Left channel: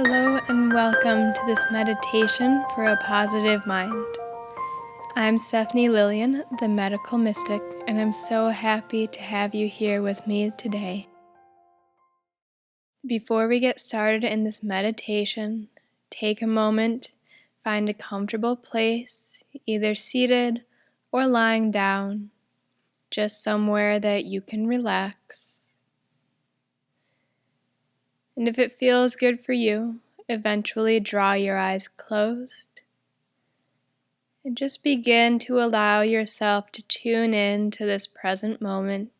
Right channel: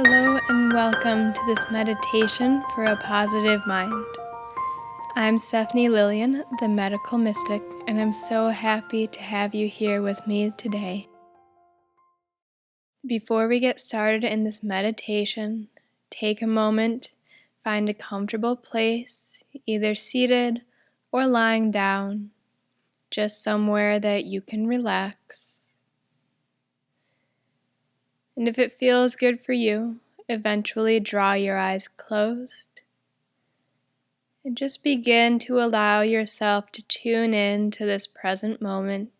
Hello and welcome to this meditation for a positive mind. I'm Stephanie Lillian, the medical mystic, and I'm so happy to have you here with me today. Before we get started in this meditation, take a moment, find a comfortable place, either seated or lying down, just somewhere that you can relax. And if it feels good for you, eventually draw your eyes closed and just begin to allow yourself to tune in to this present moment.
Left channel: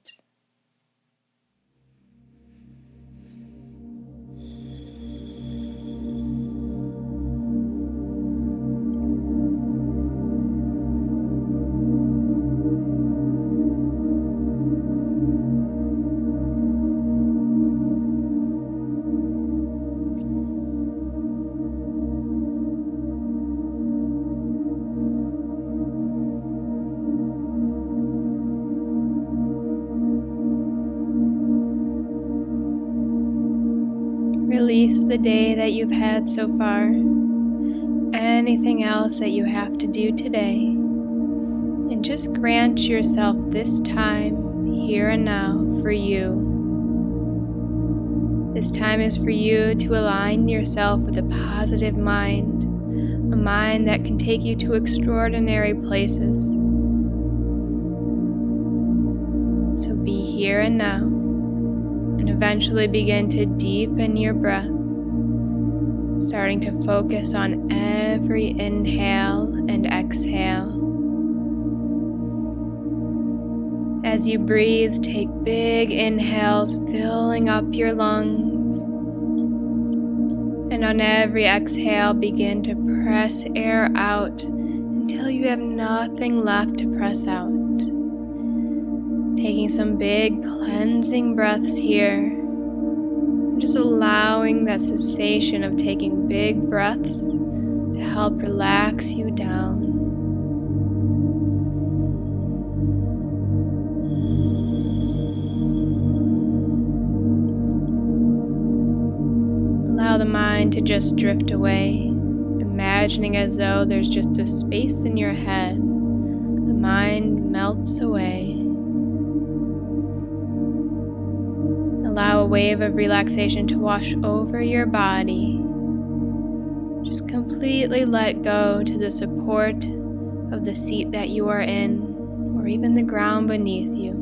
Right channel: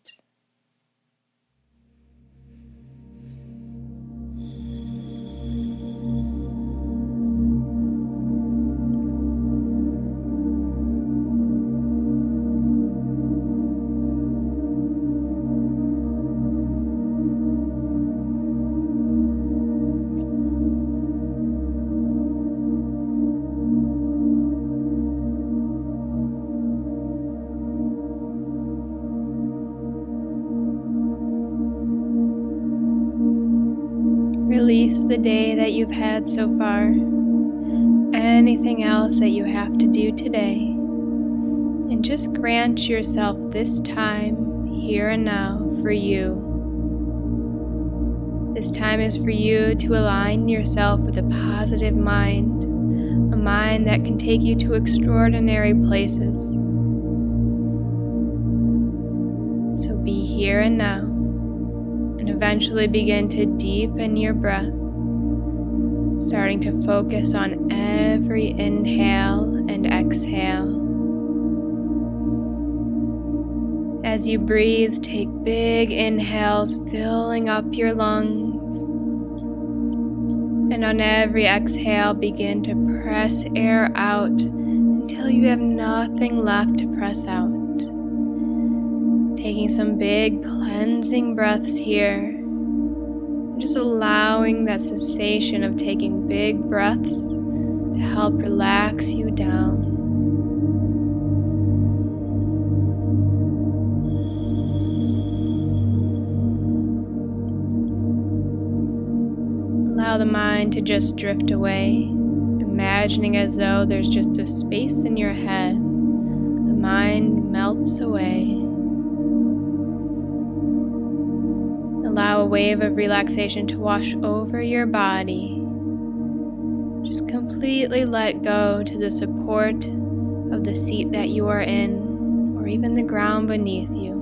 Release the day that you've had so far, anything else that you have to do today, and just grant yourself this time, here and now, for you. This time is for you to align yourself with a positive mind, a mind that can take you to extraordinary places. So be here and now. And eventually begin to deepen your breath, starting to focus on every inhale and exhale. As you breathe, take big inhales, filling up your lungs. And on every exhale, begin to press air out until you have nothing left to press out. Taking some big cleansing breaths here, just allowing that sensation of taking big breaths to help relax you down. Allow the mind to just drift away, imagining as though there's just a space in your head. The mind melts away. Allow a wave of relaxation to wash over your body. Just completely let go to the support of the seat that you are in, or even the ground beneath you.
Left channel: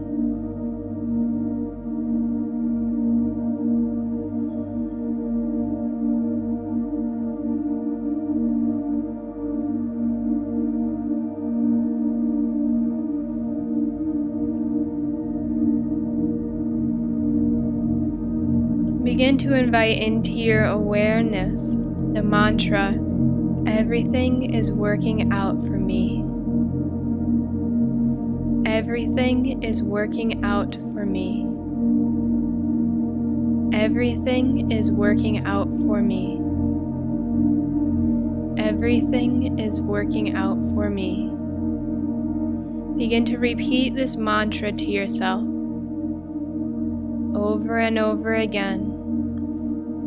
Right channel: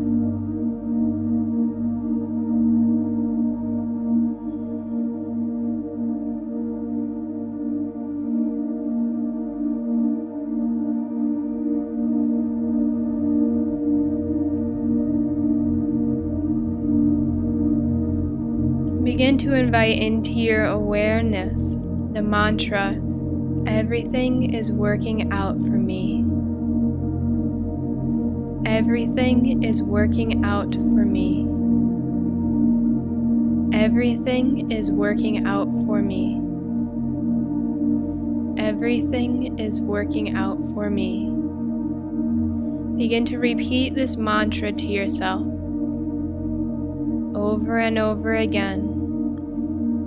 Begin to invite into your awareness the mantra, "Everything is working out for me." Everything is working out for me. Everything is working out for me. Everything is working out for me. Begin to repeat this mantra to yourself over and over again.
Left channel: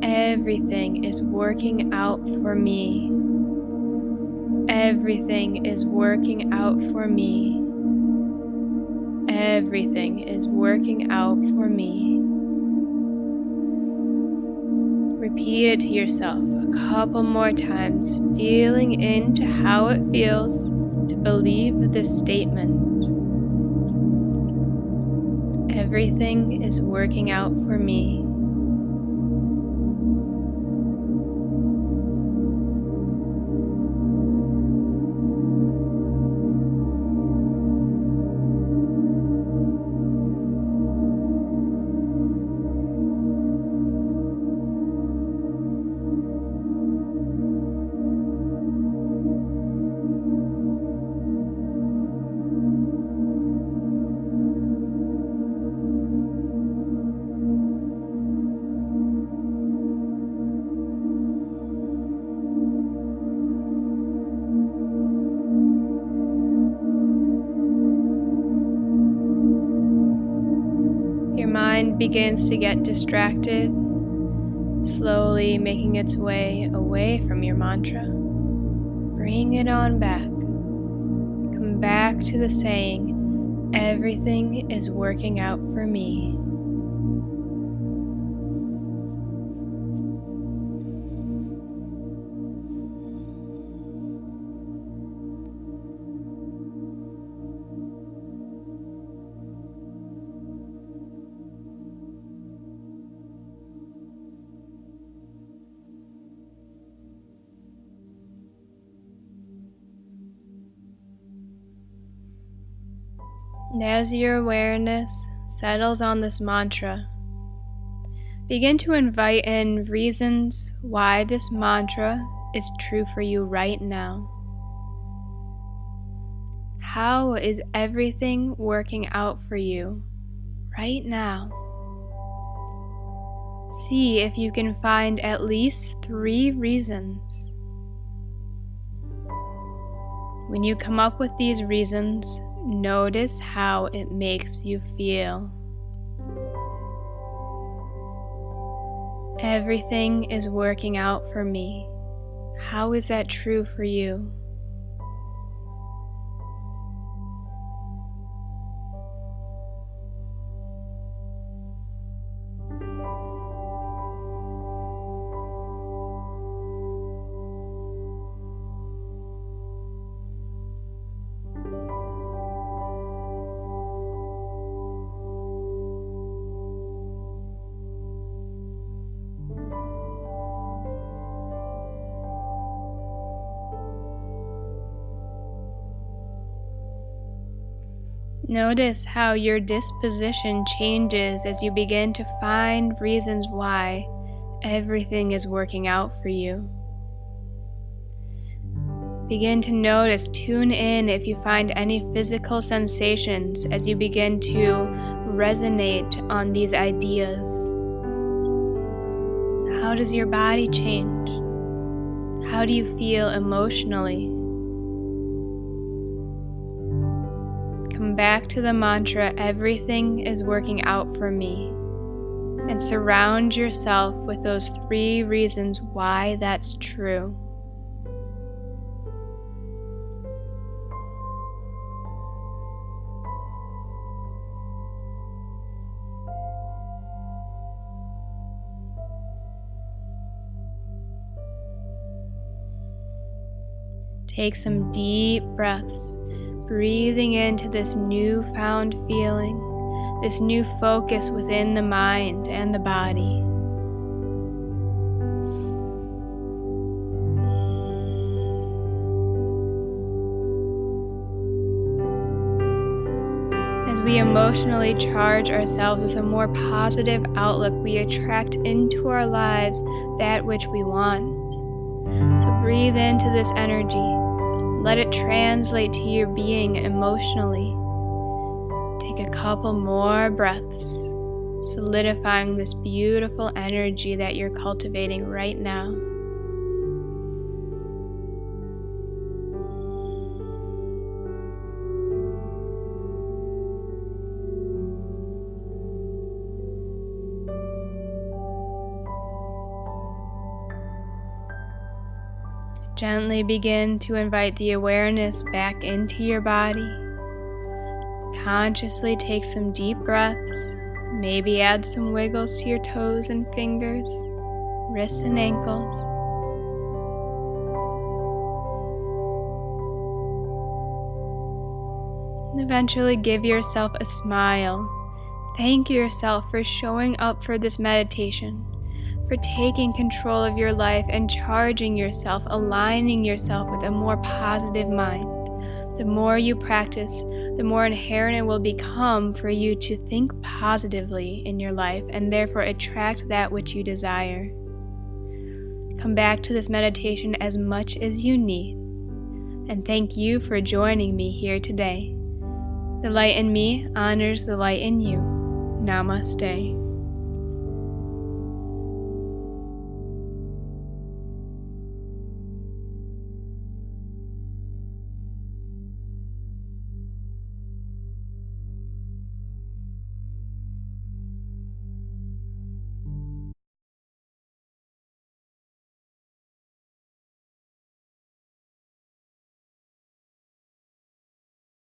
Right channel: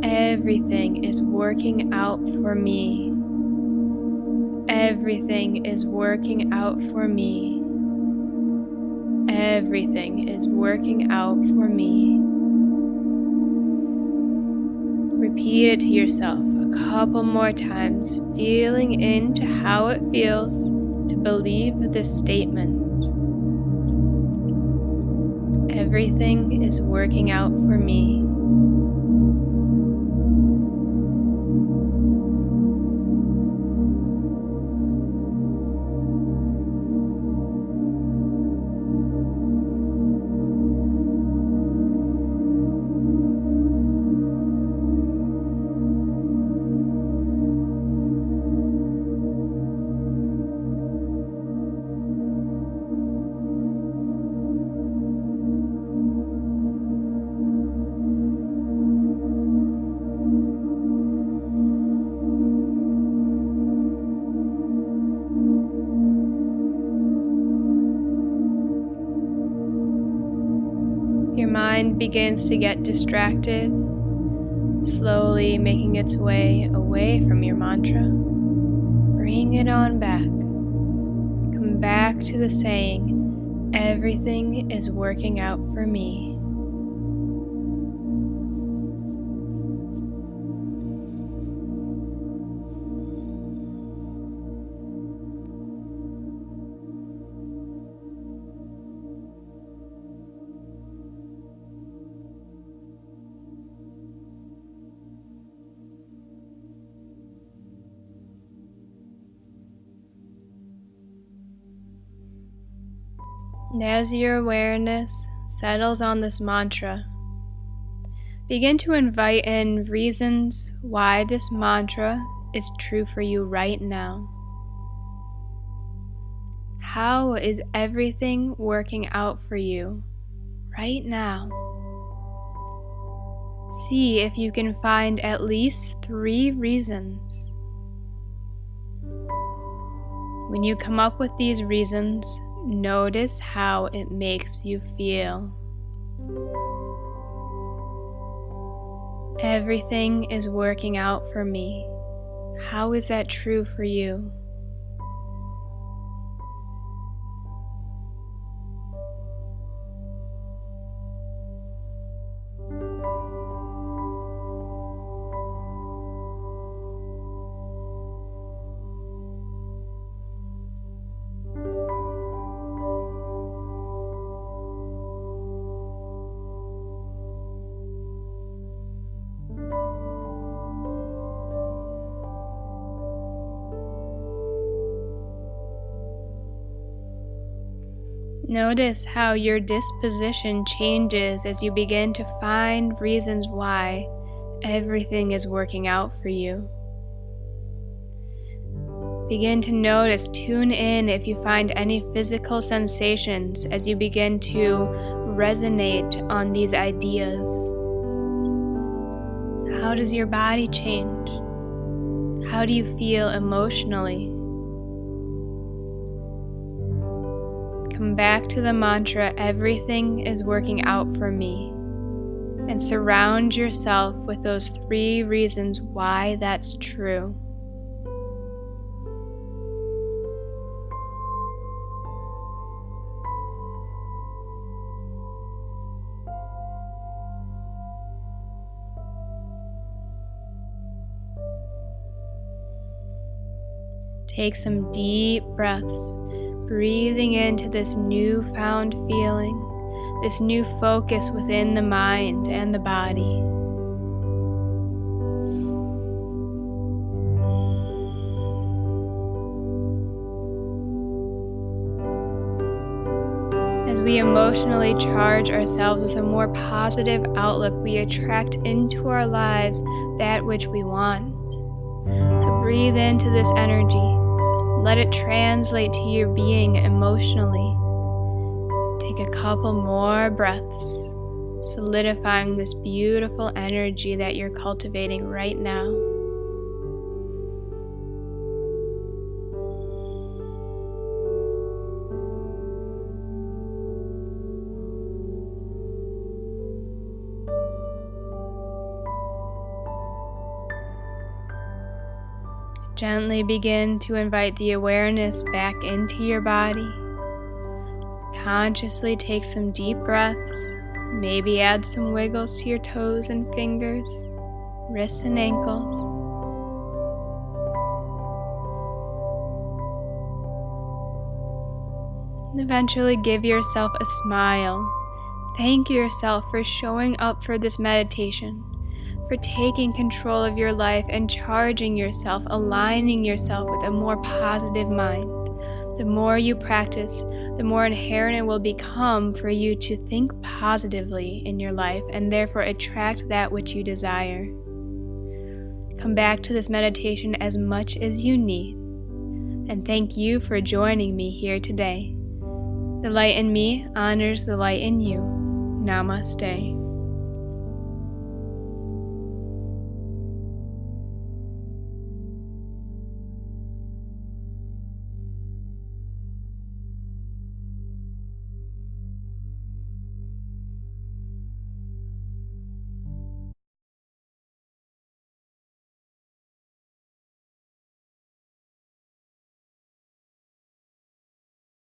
Everything is working out for me. Everything is working out for me. Everything is working out for me. Repeat it to yourself a couple more times, feeling into how it feels to believe this statement. Everything is working out for me. Your mind begins to get distracted slowly making its way away from your mantra. Bring it on back. Come back to the saying, everything is working out for me. And as your awareness settles on this mantra, begin to invite in reasons why this mantra is true for you right now. How is everything working out for you right now? See if you can find at least 3 reasons. When you come up with these reasons, notice how it makes you feel. Everything is working out for me. How is that true for you? Notice how your disposition changes as you begin to find reasons why everything is working out for you. Begin to notice, tune in if you find any physical sensations as you begin to resonate on these ideas. How does your body change? How do you feel emotionally? Come back to the mantra, everything is working out for me, and surround yourself with those 3 reasons why that's true. Take some deep breaths, breathing into this newfound feeling, this new focus within the mind and the body. As we emotionally charge ourselves with a more positive outlook, we attract into our lives that which we want. So breathe into this energy. Let it translate to your being emotionally. Take a couple more breaths, solidifying this beautiful energy that you're cultivating right now. Gently begin to invite the awareness back into your body. Consciously take some deep breaths. Maybe add some wiggles to your toes and fingers, wrists and ankles. And eventually give yourself a smile. Thank yourself for showing up for this meditation, for taking control of your life and charging yourself, aligning yourself with a more positive mind. The more you practice, the more inherent it will become for you to think positively in your life and therefore attract that which you desire. Come back to this meditation as much as you need. And thank you for joining me here today. The light in me honors the light in you. Namaste.